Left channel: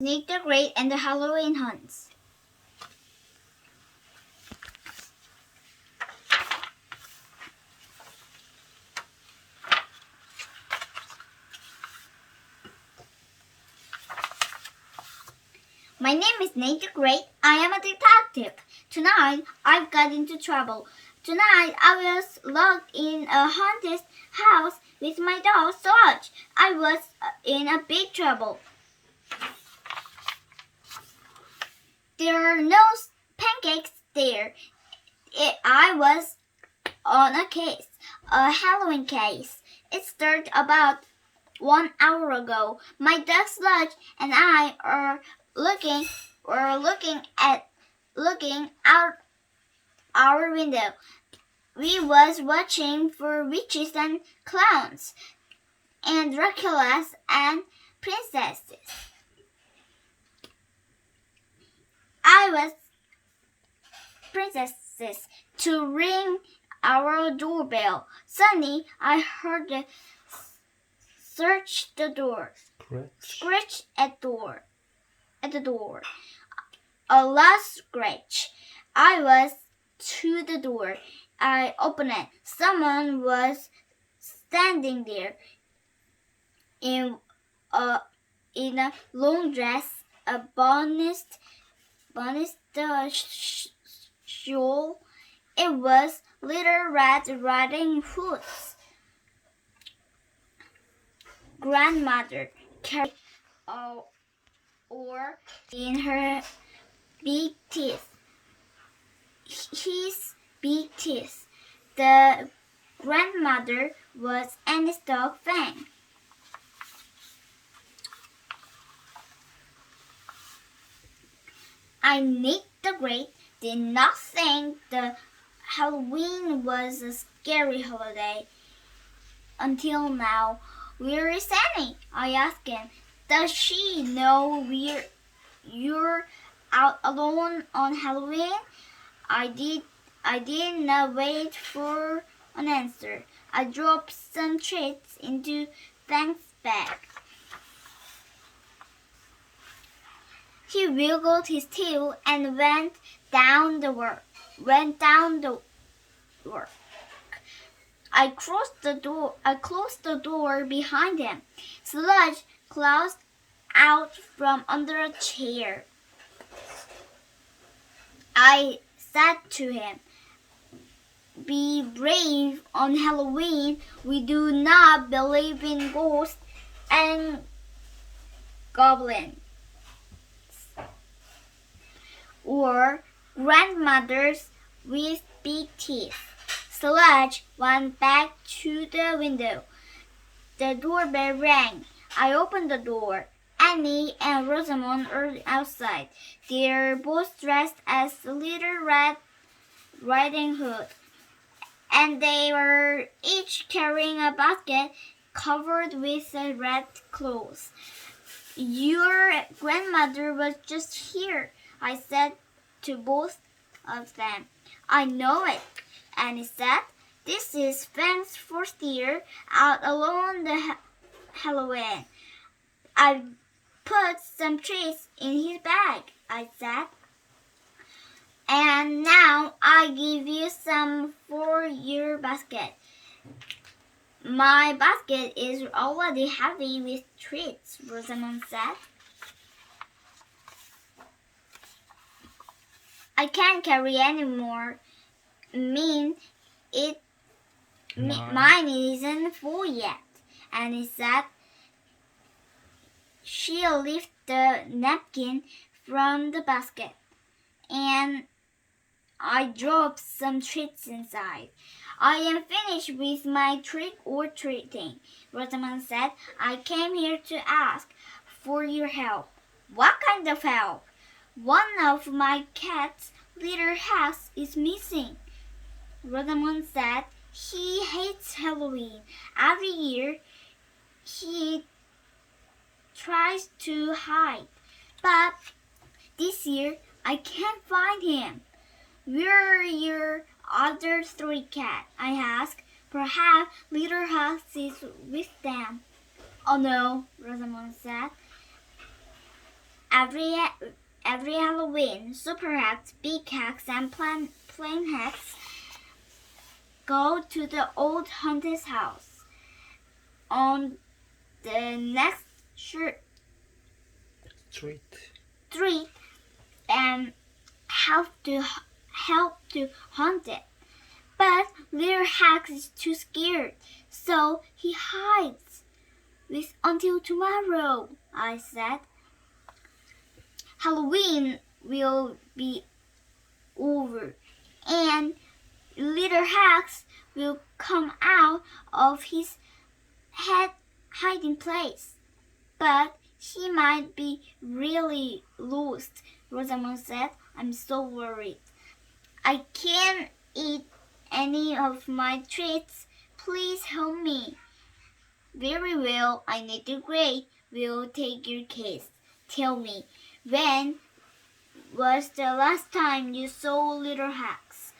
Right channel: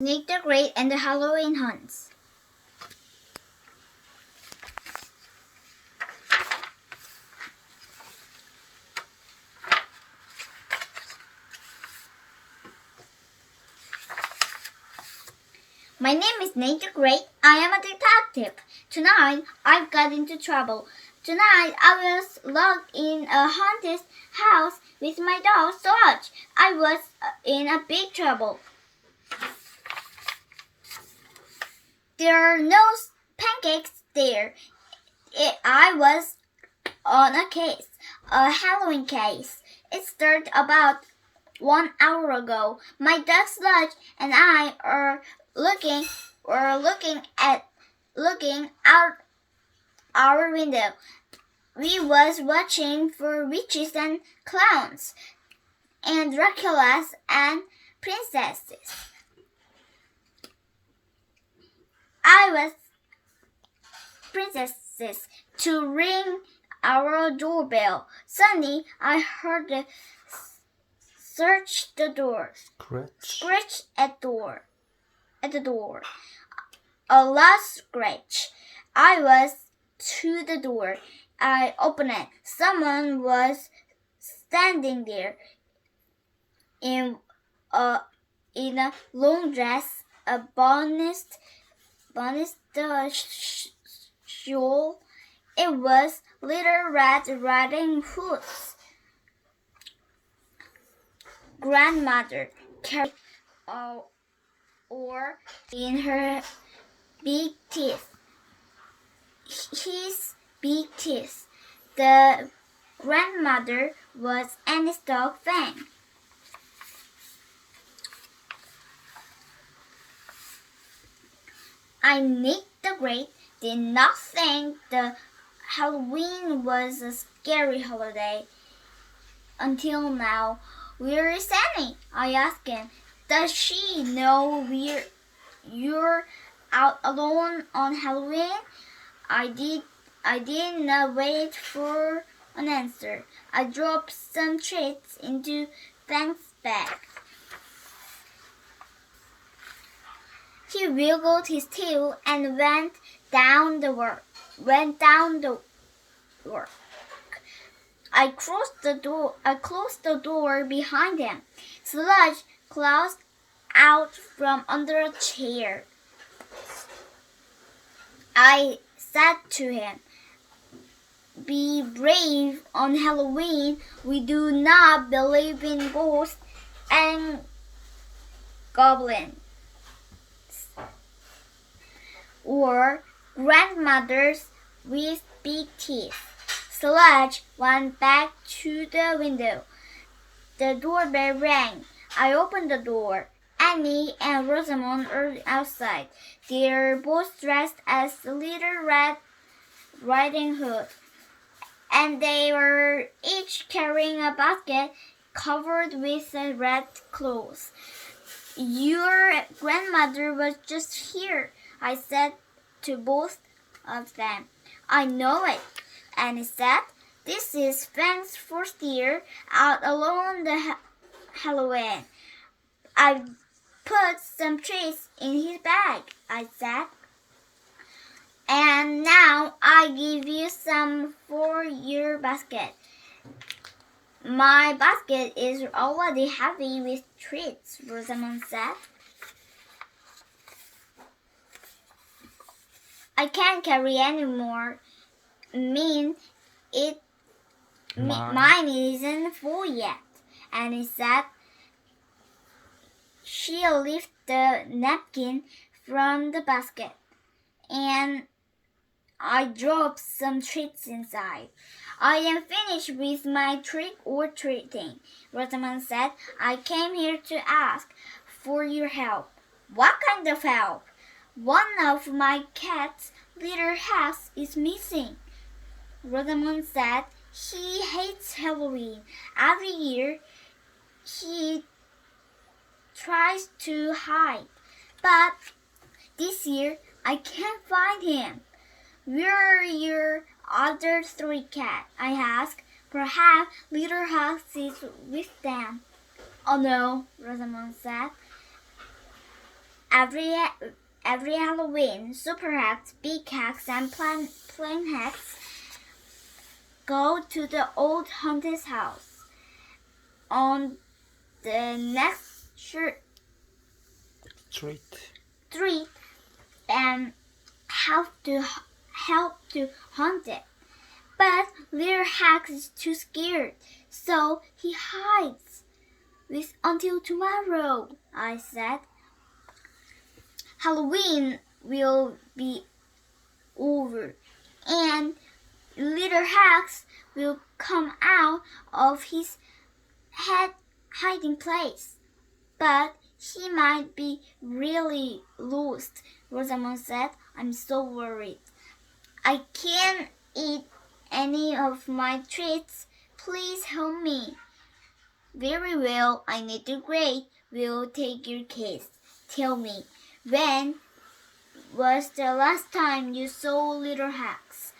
Nick the Great and the Halloween Hunts. My name is Nate the Great. I am a detective. Tonight, I've got into trouble. Tonight, I was locked in a haunted house with my dog, Sludge. I was in a big trouble. There are no pancakes there. I was on a case, a Halloween case. It started about 1 hour ago. My dog Sludge and I are looking out our window. We was watching for witches and clowns and Draculas and princesses. I was princesses to ring our doorbell. Suddenly, I heard a scratch at the door. A loud scratch. I was to the door. I opened it. Someone was standing there in a long dress, a bonnet shawl. It was Little Red Riding Hood's grandmother carried or in her big teeth. His big teeth. The grandmother was Annie's dog Fang. I, Nick the Great, did not think the Halloween was a scary holiday. Until now. Where is Annie? I asked him. Does she know you're out alone on Halloween? I didn't wait for an answer. I dropped some treats into Fang's bag. He wiggled his tail and went down the work. I closed the door behind him. Sludge crawled out from under a chair. I said to him, "Be brave on Halloween. We do not believe in ghosts and goblins or grandmothers with big teeth." Sludge went back to the window. The doorbell rang. I opened the door. Annie and Rosamond are outside. They're both dressed as Little Red Riding Hood, and they were each carrying a basket covered with red cloth. "Your grandmother was just here," I said to both of them. "I know it," Annie said. "This is Fang's first year out alone the Halloween. I put some treats in his bag," I said. "And now I give you some for your basket." "My basket is already heavy with treats," Rosamond said. "I can't carry any more. Mine isn't full yet," Annie said. She lifted the napkin from the basket, and I dropped some treats inside. "I am finished with my trick-or-treating," Rosamond said. "I came here to ask for your help." "What kind of help?" "One of my cat's little hats is missing," Rosamond said. "He hates Halloween. Every year he tries to hide, but this year I can't find him." "Where are your other 3 cats?" I asked. "Perhaps Little Hugs is with them." "Oh no," Rosamond said. Every Halloween, super hacks, big hacks, and plain hacks go to the old haunted house. On the next street and help to haunt it. But little Hax is too scared, so he hides. With until tomorrow, I said. Halloween will be over, and little Hax will come out of his hiding place. But he might be really lost, Rosamond said. I'm so worried. I can't eat any of my treats. Please help me. Very well, I need to grade. We'll take your case. Tell me, when was the last time you saw little Hax?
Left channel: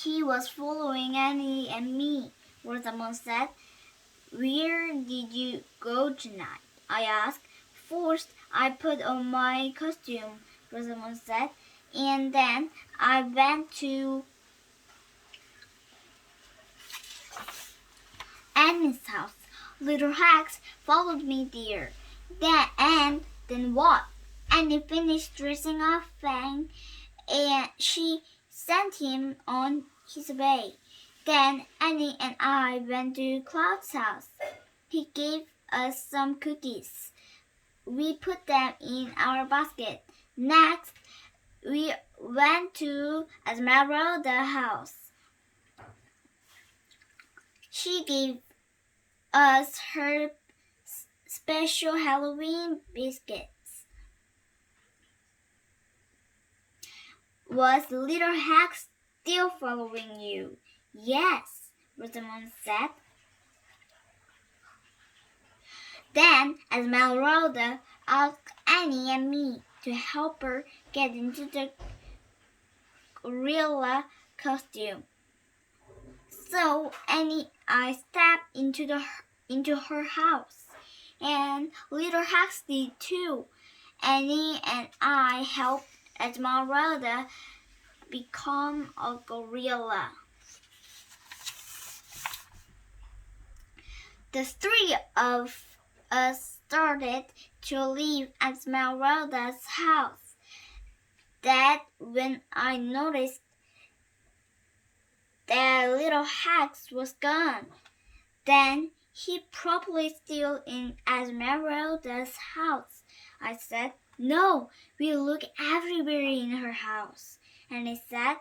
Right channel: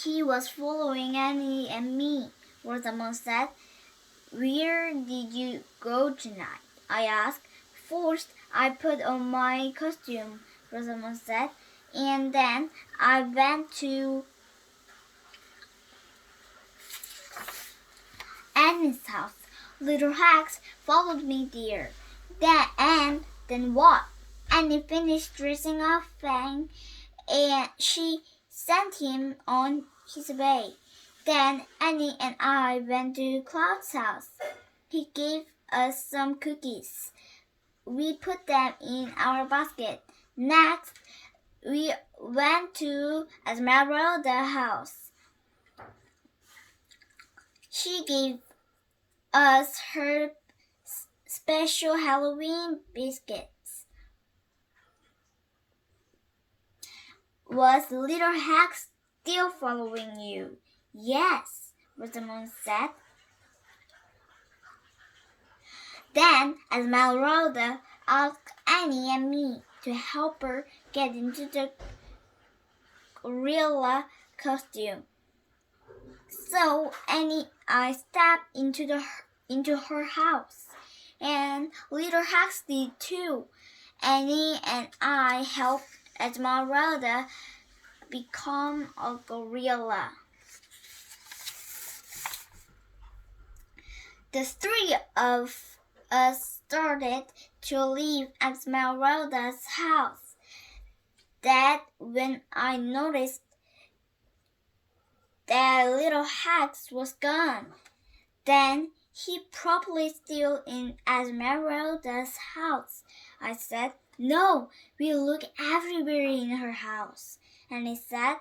He was following Annie and me, Rosamond said. Where did you go tonight? I asked. First, I put on my costume, Rosamond said, and then I went to Annie's house. Little Hax followed me there. Then what? Annie finished dressing up Fang, and she sent him on his way. Then Annie and I went to Cloud's house. He gave us some cookies. We put them in our basket. Next, we went to Esmeralda's house. She gave us her special Halloween biscuits. Was little Hax still following you? Yes, Rosamond said. Then Esmeralda asked Annie and me to help her get into the gorilla costume. So Annie and I stepped into her house, and little Hax did too. Annie and I helped Esmeralda become a gorilla. The three of us started to leave Esmeralda's house. That when I noticed that little Hax was gone. Then he probably still in Esmeralda's house. I said, no, we look everywhere in her house. And he said,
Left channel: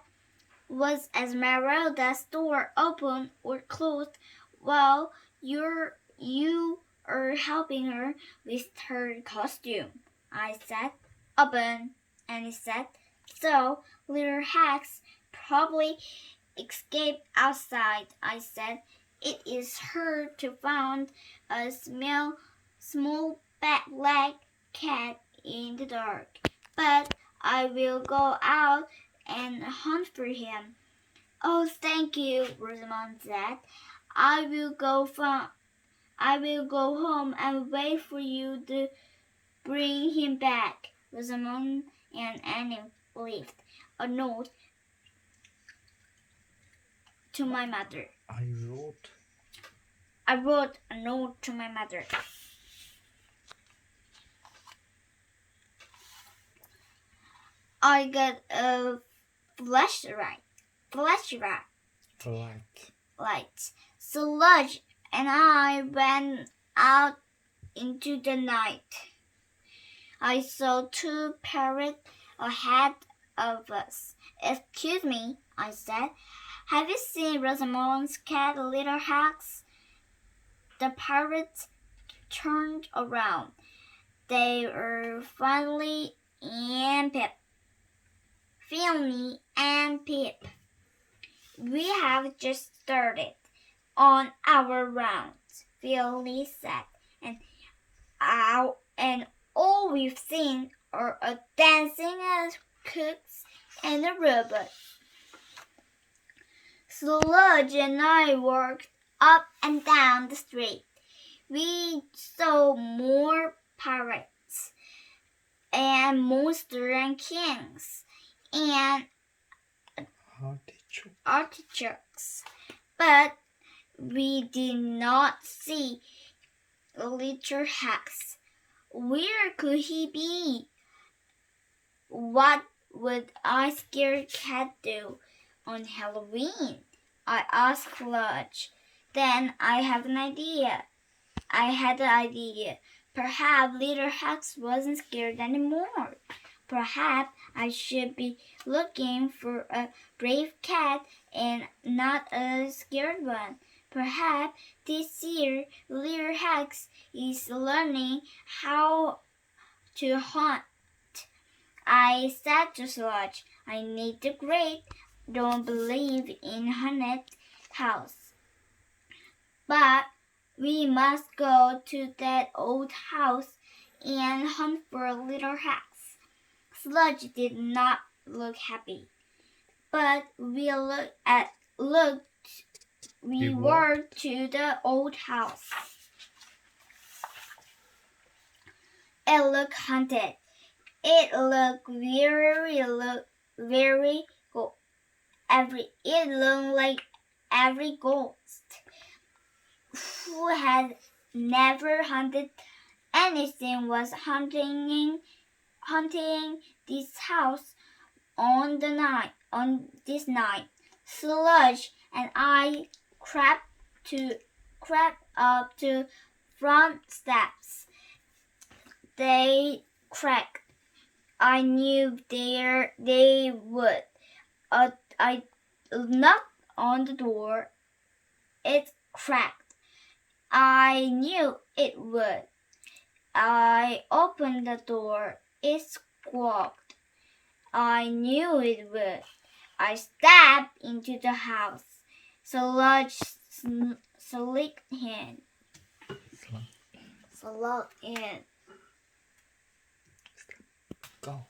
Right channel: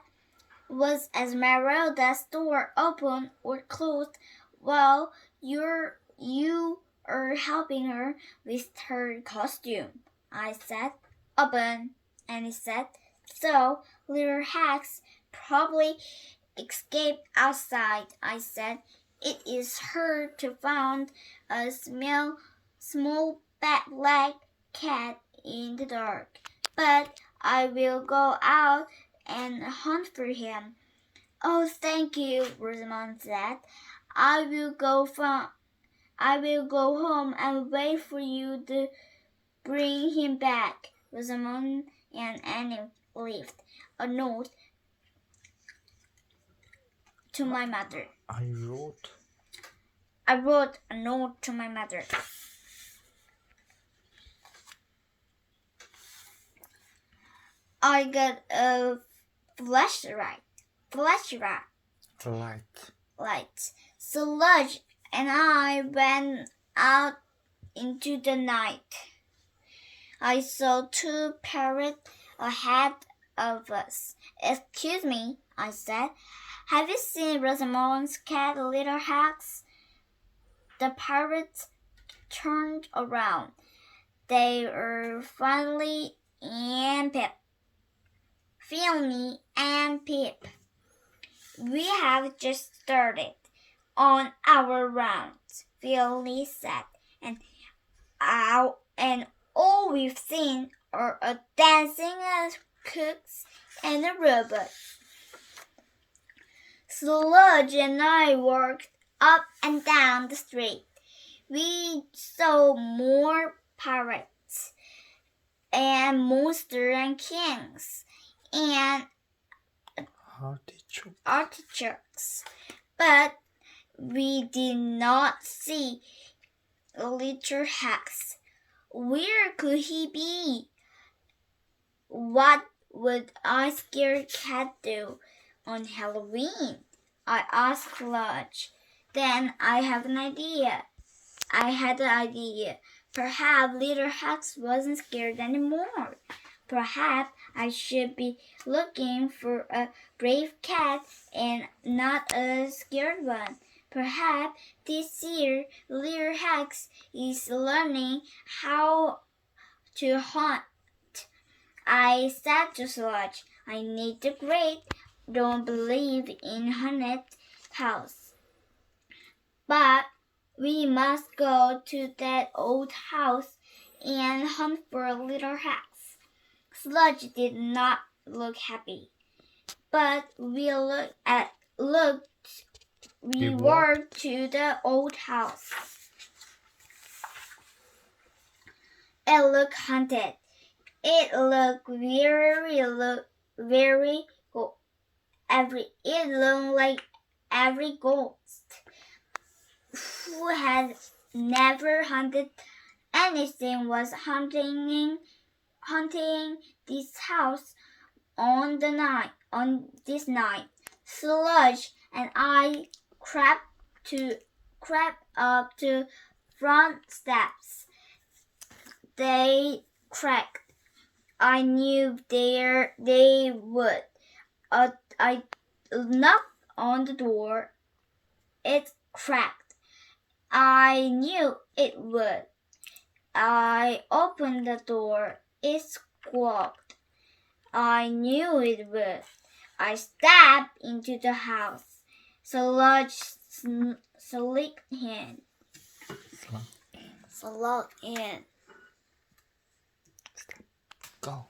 was Esmeralda's door open or closed while you are helping her with her costume? I said, open. And he said, so little Hax probably escaped outside. I said, it is her to find a small black cat in the dark. But I will go out and hunt for him. Oh, thank you, Rosamond said. I will go home and wait for you to bring him back. Rosamond and Annie left a note to my mother. I wrote a note to my mother. I got a flashlight. Sludge and I went out into the night. I saw two parrots ahead of us. Excuse me, I said. Have you seen Rosamond's cat, Little Hax? The parrots turned around. They were Finley and Pip. We have just started on our rounds, Finley said, and all we've seen are a dancing cooks and a robot. Sludge and I walked up and down the street. We saw more parrots. and Monster and Kings and artichokes. But we did not see Little Hex. Where could he be? What would a scared cat do on Halloween? I asked Clutch. Then I had an idea. Perhaps Little Hex wasn't scared anymore. Perhaps I should be looking for a brave cat and not a scared one. Perhaps this year Little Hex is learning how to hunt. I said to Sludge, I need the great. Don't believe in haunted house. But we must go to that old house and hunt for Little Hex. Sludge did not look happy, but we walked to the old house. It looked haunted. It looked it looked like every ghost who had never hunted anything was hunting this house on this night. Sludge and I crept up to front steps. They cracked. I knew they would. I knocked on the door. It cracked. I knew it would. I opened the door. It squawked. I knew it would. I stepped into the house. Sludge slid in. Go.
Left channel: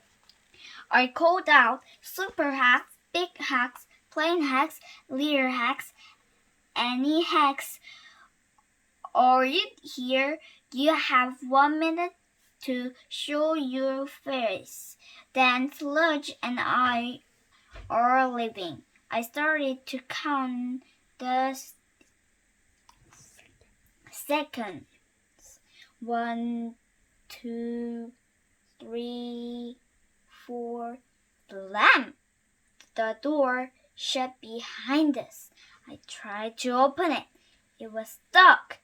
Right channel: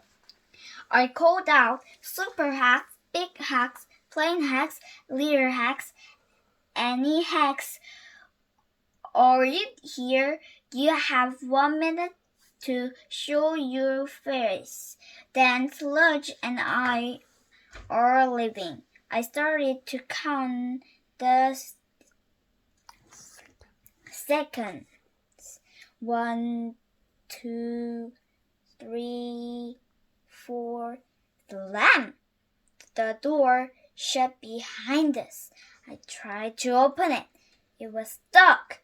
I called out, Super Hex, Big Hex, Plain Hex, Little Hex, any Hex. Are you here? You have 1 minute to show your face. Then Sludge and I are leaving. I started to count the seconds. 1, 2, 3, 4. Slam! The door shut behind us. I tried to open it. It was stuck.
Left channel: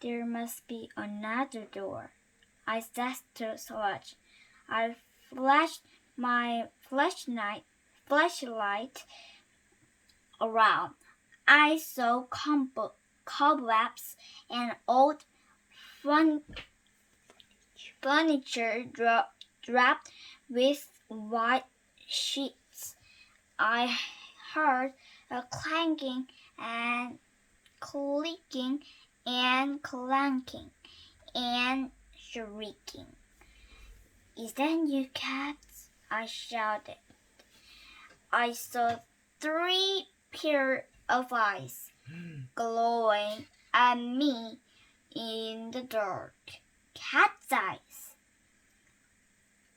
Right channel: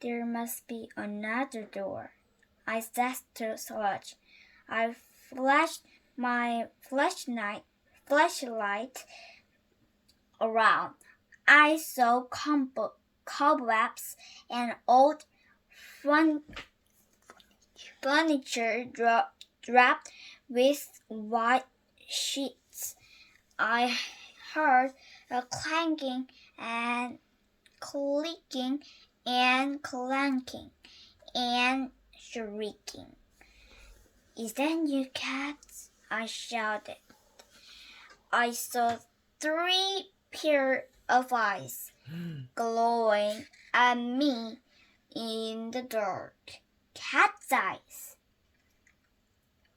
There must be another door. I said to Sludge. I flashed my flashlight around. I saw cobwebs and old furniture draped with white sheets. I heard a clanking and clicking and clanking and shrieking. Is that you, cats? I shouted. I saw 3 pair of eyes glowing at me in the dark. Cat's eyes.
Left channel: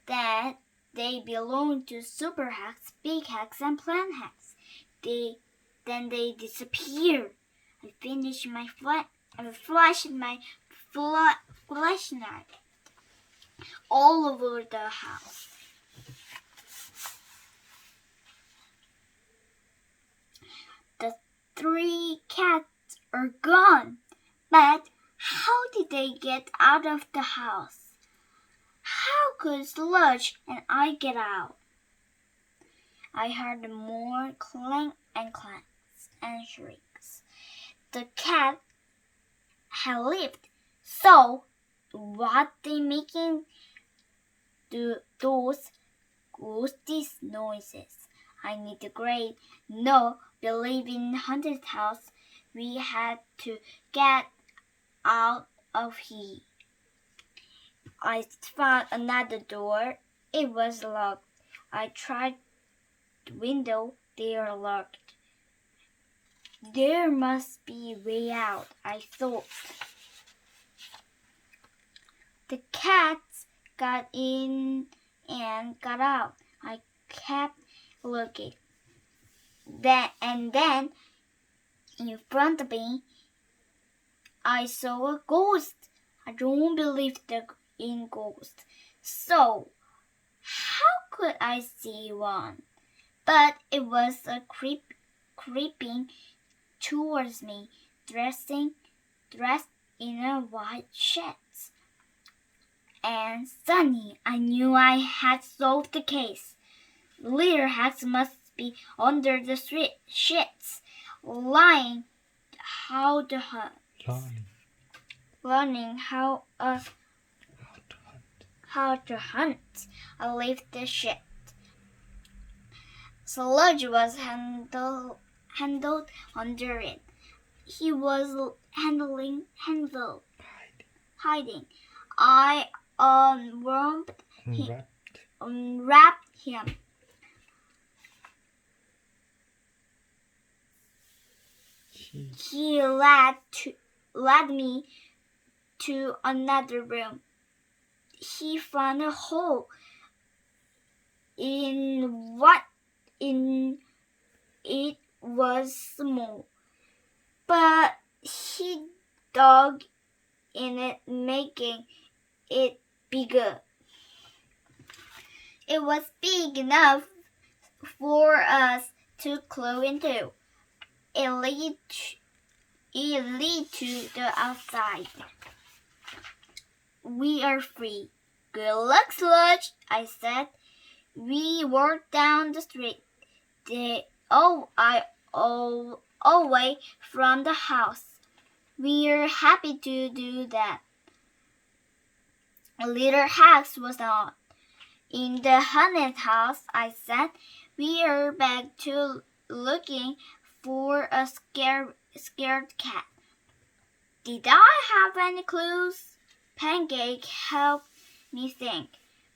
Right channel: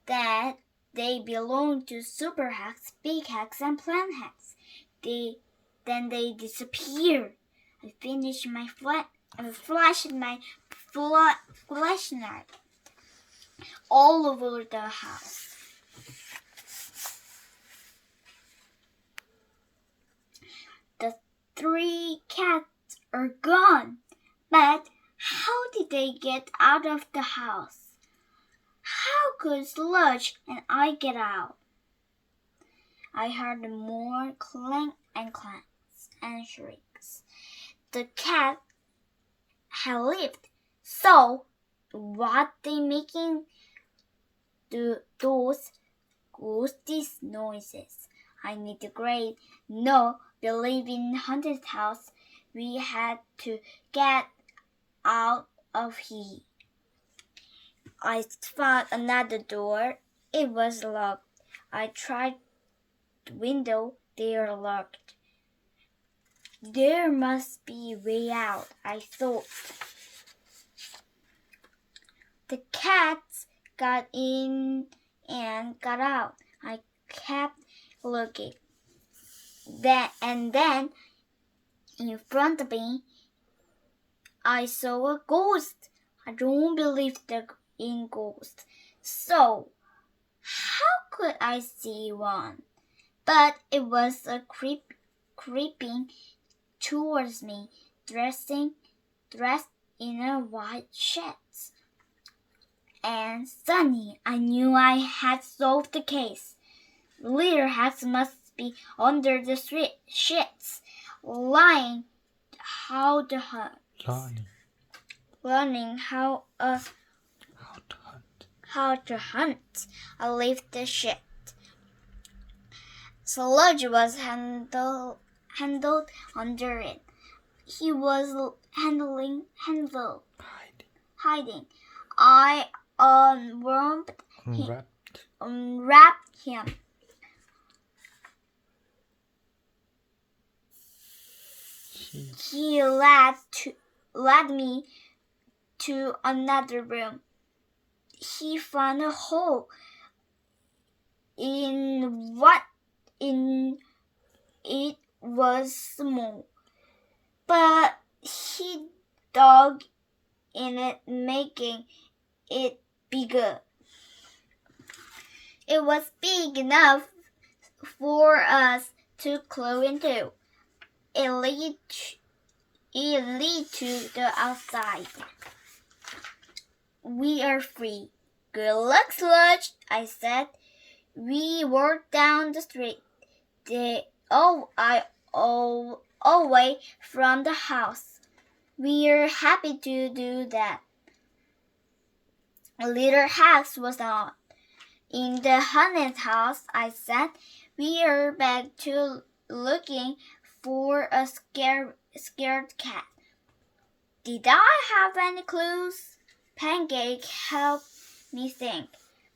That they belong to Super Hex, Big Hex, and Plain Hex. Then they disappeared. I flashed my flashlight all over the house. The 3 cats are gone, but how did they get out of the house? How could Sludge and I get out? I heard more clank and clanks and shrieks. The cat had lived. So, what they making those ghosty noises? I need the great. No, believe in haunted house. We had to get out of here. I found another door. It was locked. I tried the window. They are locked. There must be a way out, I thought. The cats got in and got out. I kept looking. Then in front of me, I saw a ghost. I don't believe in ghosts. So, how could I see one? But it was a creeping towards me, dressed in a white shirt. And suddenly, I knew I had solved the case. Little Hex must be under the sheets, lying how to hunt. Learning how to hunt. I left the shit. Sludge was handled under it. He was hiding. I unwrapped him. He led me to another room. He found a hole in it was small, but he dug in it, making it bigger. It was big enough for us to climb into. It led to the outside. We are free. Good luck, Sludge, I said. We walked down the street, away from the house. We're happy to do that. Little Hex was not. In the haunted house, I said, we are back to looking for a scared cat. Did I have any clues? Pancake helped me think.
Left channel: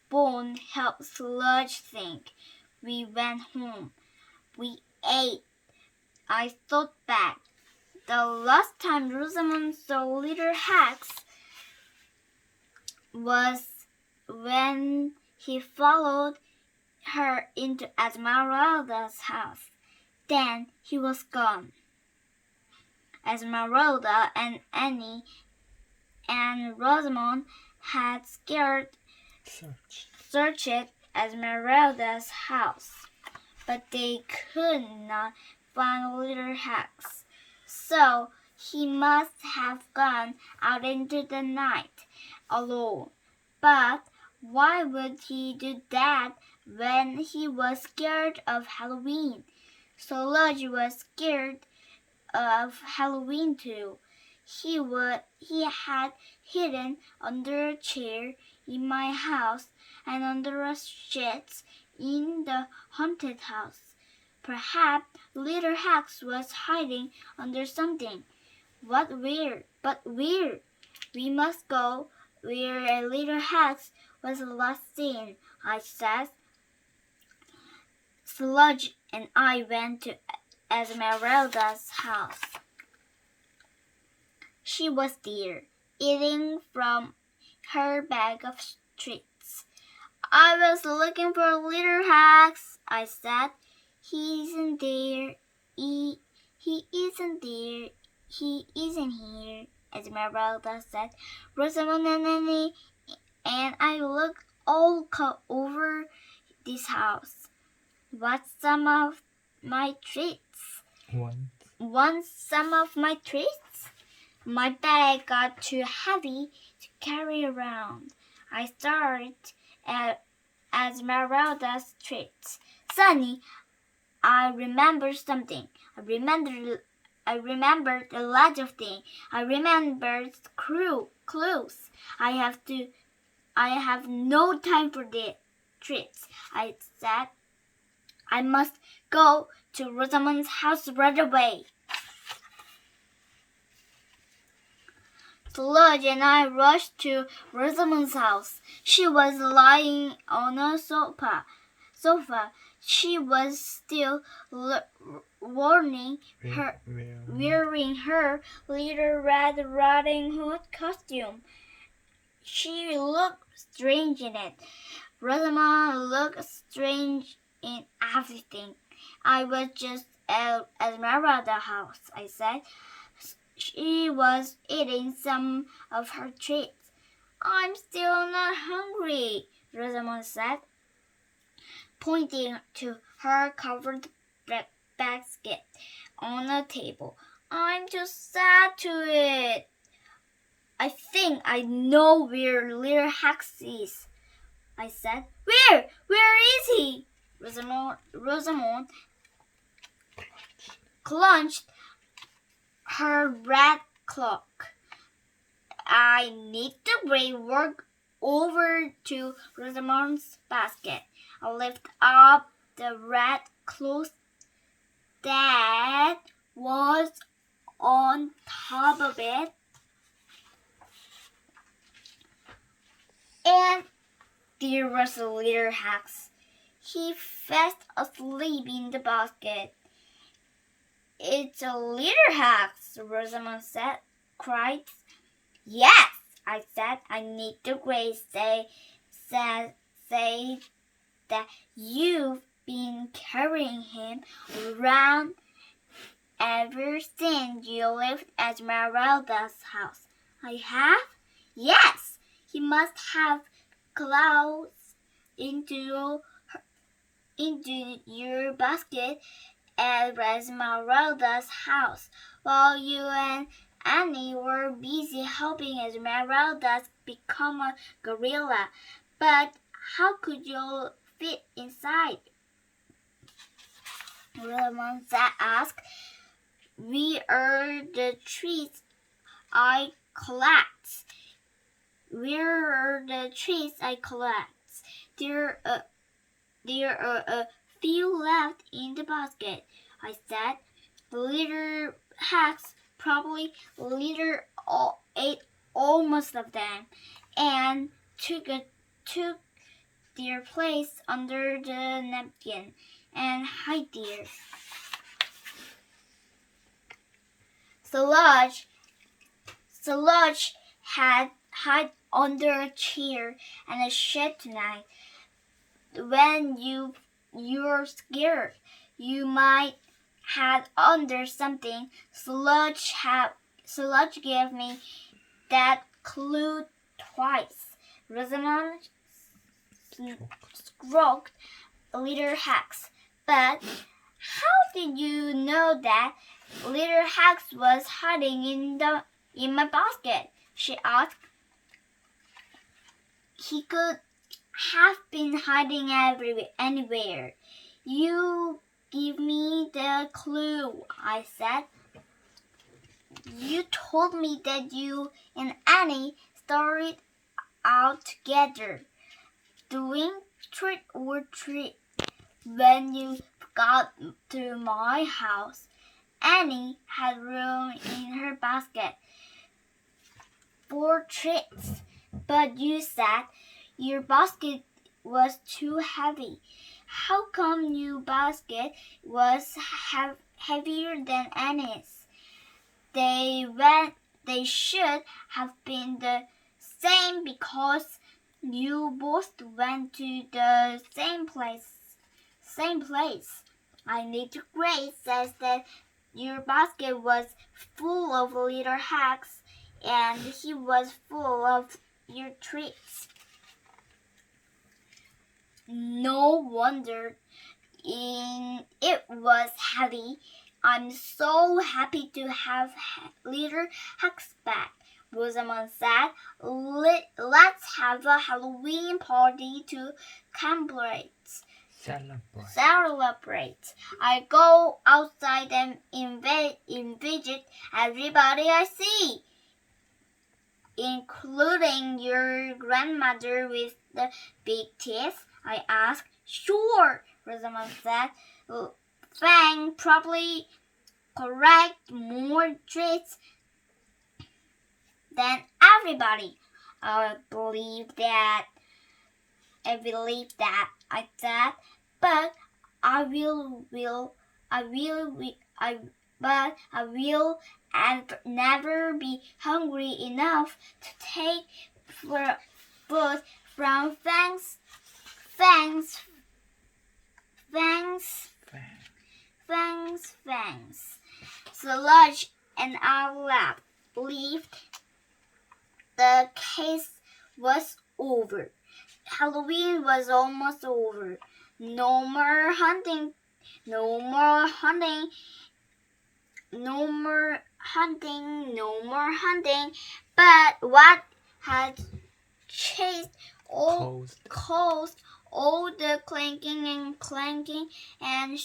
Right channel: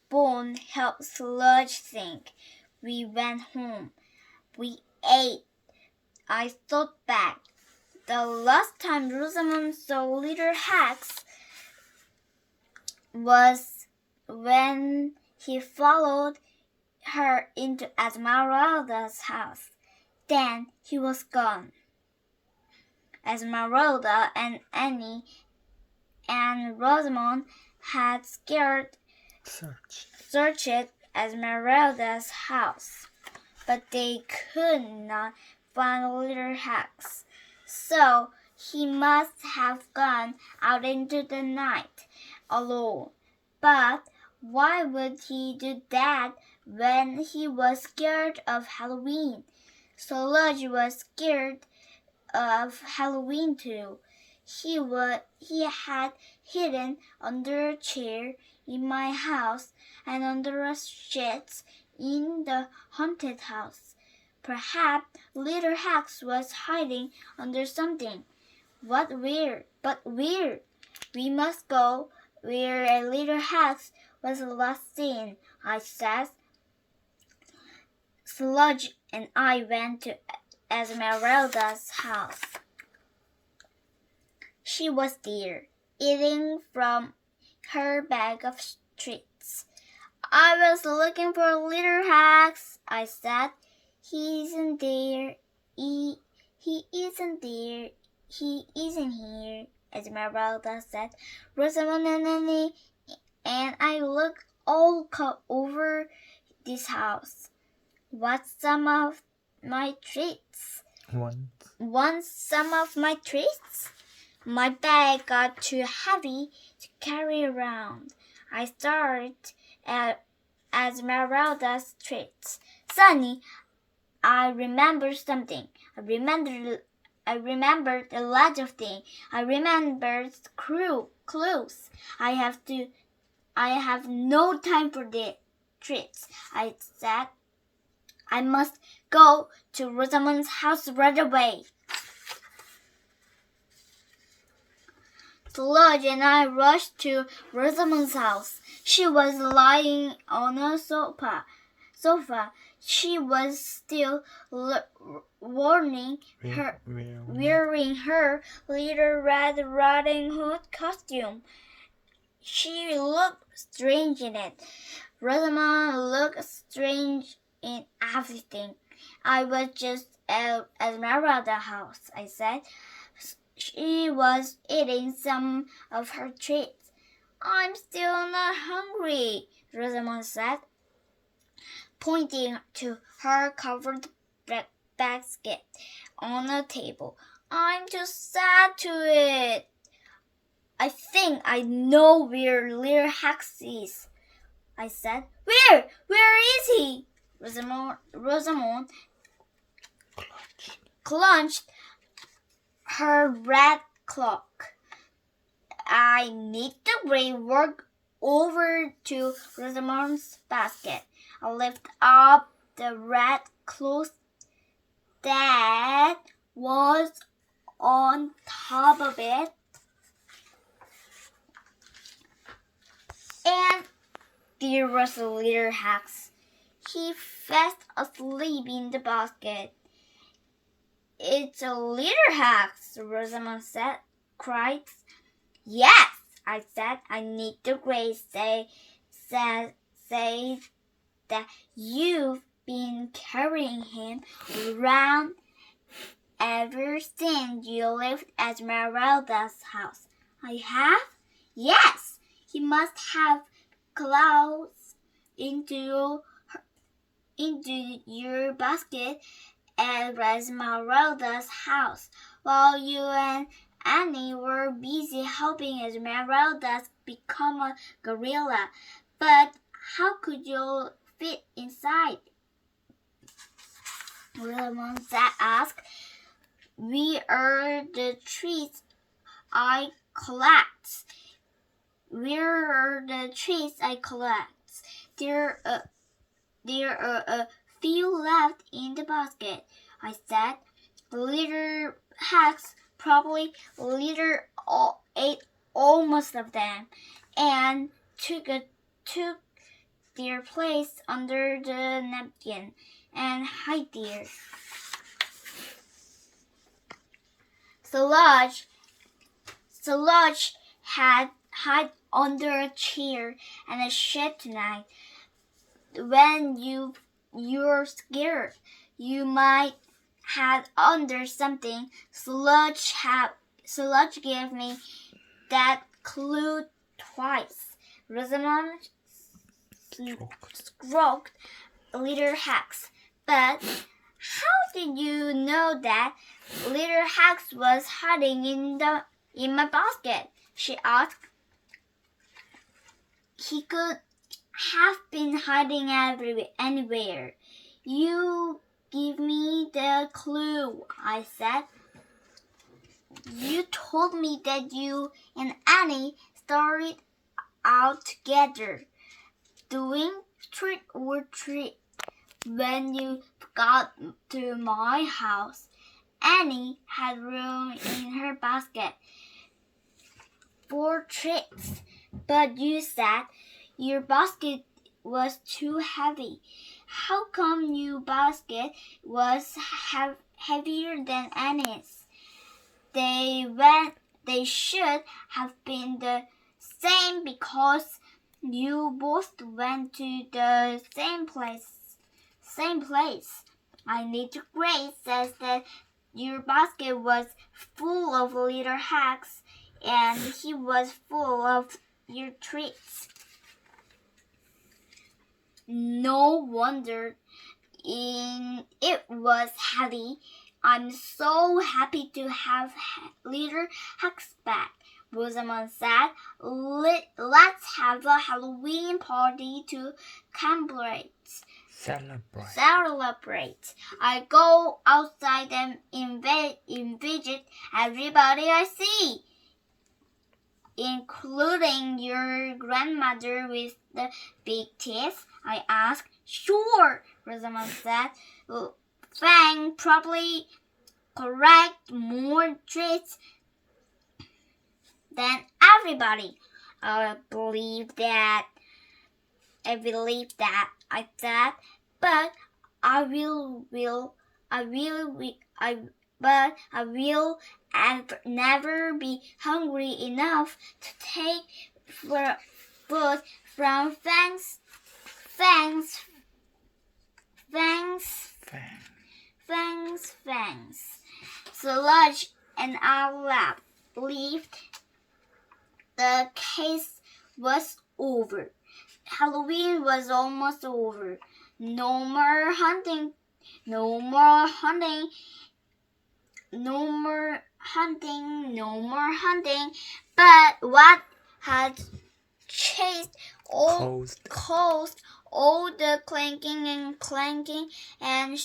Bone helped Sludge think. We went home. We ate. I thought back. The last time Rosamond saw Little Hex was when he followed her into Esmeralda's house. Then he was gone. Esmeralda and Annie and Rosamond had searched Esmeralda's house, but they could not find Little Hex. So he must have gone out into the night alone. But why would he do that when he was scared of Halloween? Sludge was scared of Halloween too. He had hidden under a chair in my house and under a sheet in the haunted house. Perhaps Little Hex was hiding under something. But where? We must go where Little Hex was last seen, I said. Sludge and I went to Esmeralda's house. She was there, eating from her bag of treats. I was looking for Little Hex, I said. He isn't there. He isn't there. He isn't here, Esmeralda said. Rosamond and Annie and I looked all over this house. What's some of my treats? Want some of my treats? My bag got too heavy to carry around. I stared at Esmeralda's treats. Suddenly, I remembered something. I remembered a lot of things. I remembered clues. I have no time for the treats, I said. I must go to Rosamond's house right away. Sludge and I rushed to Rosamond's house. She was lying on a sofa. She was still wearing her little Red Riding Hood costume. She looked strange in it. Rosamond looked strange in everything. I was just at Esmeralda's house, I said. She was eating some of her treats. I'm still not hungry, Rosamond said, pointing to her covered basket on the table. I'm too sad to eat. I think I know where little Hex is, I said. Where? Where is he? Rosamond clenched her red cloak. I need the gray work over to Rosamond's basket. I lift up the red cloth that was on top of it, and there was a little Hex. He fast asleep in the basket. It's a little Hex, Rosamond cried. Yes, I said. I need the grace say that you've been carrying him around ever since you left Esmeralda's house. I have? Yes, he must have claws into your basket at Esmeralda's house while you and Annie were busy helping Esmeralda become a gorilla. But how could you fit inside? Rosamond asked. Where are the trees I collect? Where are the trees I collect? There are a few left in the basket, I said. Little Hex probably ate almost of them and took their place under the napkin and hid there. Sludge had hid under a chair and a shed tonight. When you're scared, you might hide under something. Sludge gave me that clue twice. Rosamond stroked little Hex. But how did you know that little Hex was hiding in my basket? She asked. He could have been hiding anywhere. You give me the clue, I said. You told me that you and Annie started out together, doing trick or treat. When you got to my house, Annie had room in her basket for treats, but you said your basket was too heavy. How come your basket was heavier than Annie's? They should have been the same because you both went to the same place. Little Grace says that your basket was full of little Hex and he was full of your treats. No wonder it was heavy. I'm so happy to have little Hex back, Rosamond said. Let's have a Halloween party to celebrate. I go outside and invite everybody I see, including your grandmother with the big teeth, I asked. Sure, Rosamond said. Fang probably collect more treats than everybody. I believe that, I said. But I will and never be hungry enough to take food from Fang's Thanks. Sludge and I laughed, believed the case was over. Halloween was almost over. No more hunting. No more hunting. No more hunting. No more hunting. But what had caused all the clanking and clanking and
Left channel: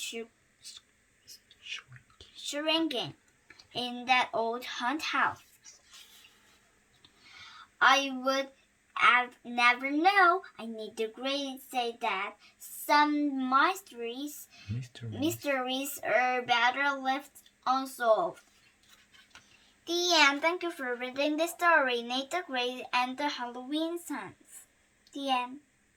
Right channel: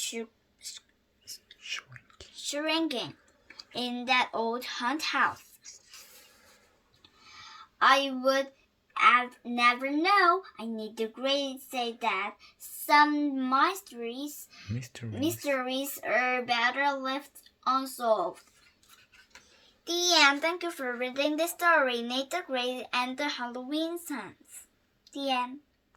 shrinking in that old hunt house? I would have never known. I need the great say that some mysteries are better left unsolved. The end. Thank you for reading the story, Nate the Great and the Halloween Sons. The end.